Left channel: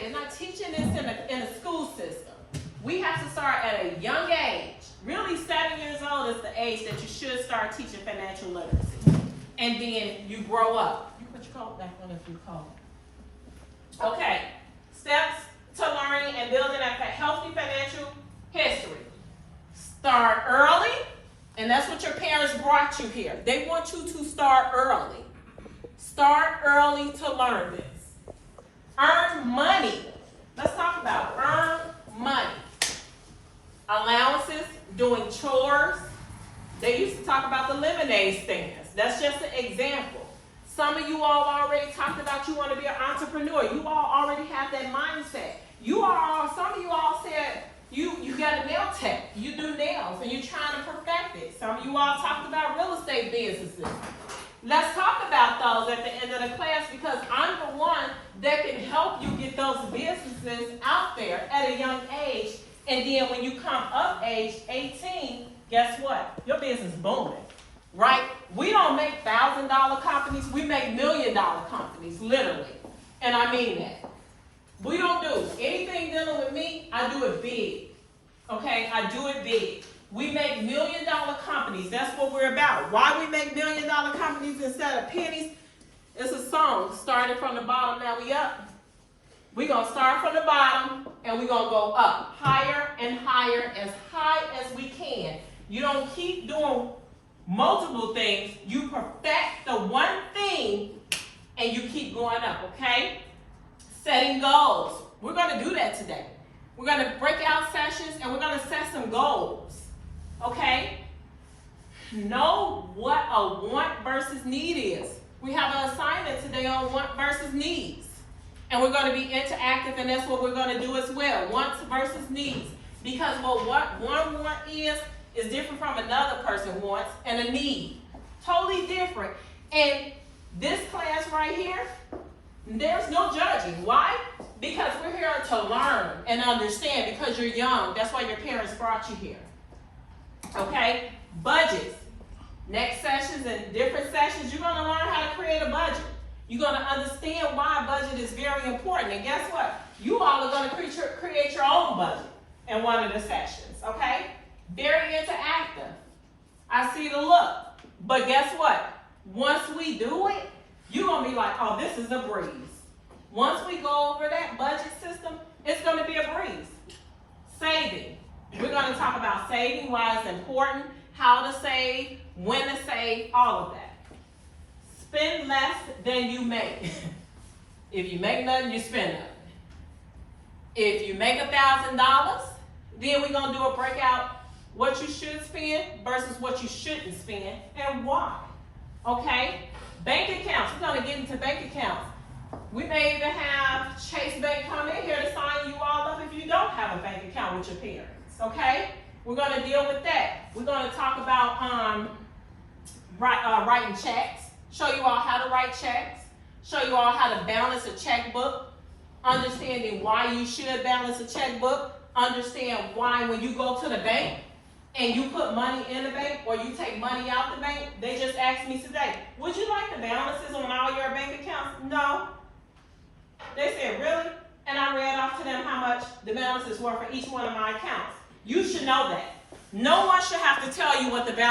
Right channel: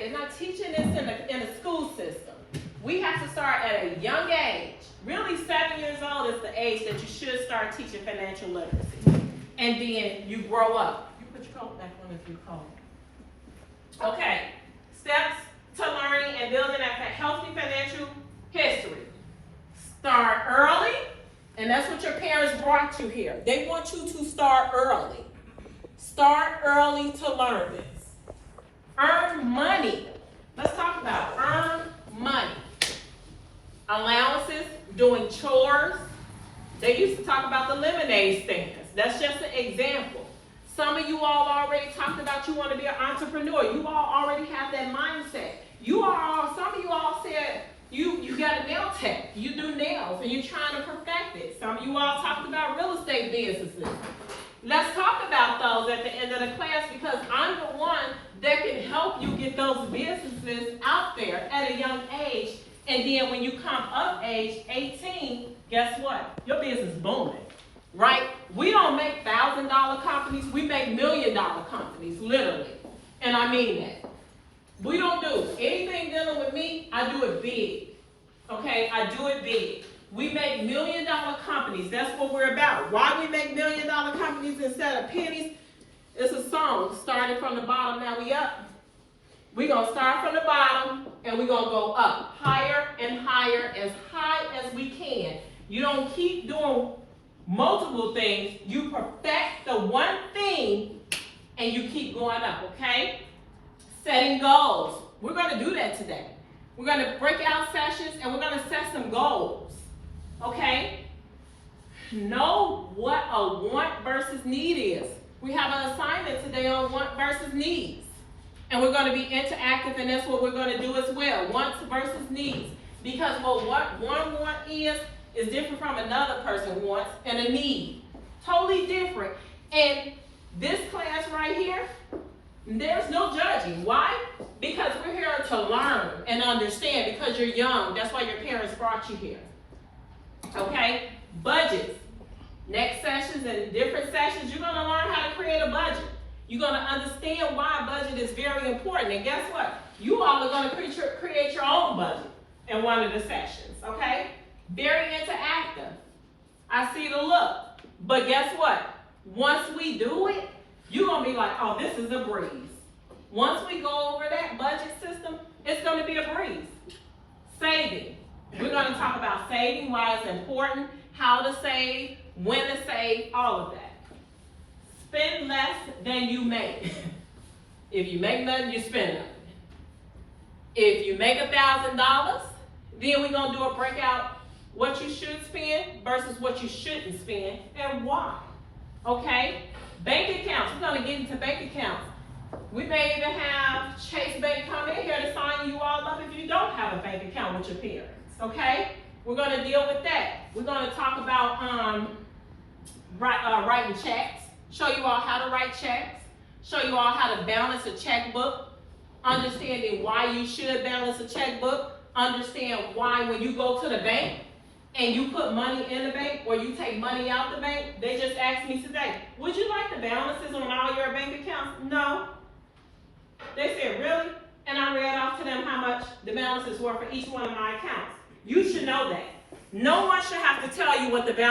They're not teaching this in the school system. We have to start at a young age. Really, 7 years old is the age that you should start teaching financial literacy. And then you grow up. You put your coat back on if you call. Okay, steps to learning and building a healthy financial history. Start early, and that's what your parents brought you here. They want you to start early. Start early to learn this. Earn money. Let's talk about earn money. Allowances, doing chores. They used to talk about the lemonade stands. That's just an example. Some of you all already talked about you want to be an entrepreneur. You all already have that mindset. Some of you all said you got a nail tech. You do nails and you're trying to perfect it. Some of you all talked about real estate businesses. Let's talk about those at the end of the class because I'm the one that can help you get those businesses out there at a young age. And then when you come up age 18, guess what? Your business is booming, right? We don't make $1,000 companies. We make $1 million companies, literally. And I mean that. We don't do anything dealing with me. I do it big, okay? I do it big. We make $1 million companies. That's what we're about. Why we make $1 million companies instead of pennies? It's a song. Started from the bottom, now we up. We're going to start from the bottom, and we're going to go up higher and higher, as high as we can. You don't keep doing multiple things. You perfect the one thing, and you keep going up, okay? Setting goals. We're going to do that today. We're going to break out sessions, and we're going to set some goals. Okay? Know what a want versus need is. We have an assignment today on want versus needs. And we're going to be interactive, and that's what we're going to do as well. Wants versus needs. Because what one want is different from another person wants and a need. Totally different. And this class right here, there's no judging. Why? Because we're here to learn and understand because you're young. That's why your parents brought you here. Okay, budgets. Next sessions and different sessions, you're going to learn how to create a budget. You're going to understand why a budget is very important. And guess what? You all are going to create your own budget in one of the sessions. Okay? Very interactive. I see the look. But guess what? Once we do it, you're going to be like, oh, this is a breeze. Once we go over that budget system, it's going to be a breeze. Saving. We're going to talk about saving, why it's important, how to save, when to save, all of that. Spend less than you make. If you make nothing, you spend nothing. If you make $1,000, then we're going to do a breakout what you should spend versus what you shouldn't spend and why. Okay? Bank accounts. We're going to get into bank accounts. We may even have Chase Bank come in here to sign you all up if you don't have a bank account with your parents. Okay? We're going to deal with that. We're going to talk about writing checks, show you all how to write checks, show you all how to balance a checkbook, understanding why you should balance a checkbook, understand why when you go to the bank and you put money in the bank or you take money out the bank, they just asked me today, would you like the balances on all your bank accounts? No. They said, really? And I read off to them how much the balances were for each one of my accounts. You should know that. No one should have to tell you what the balance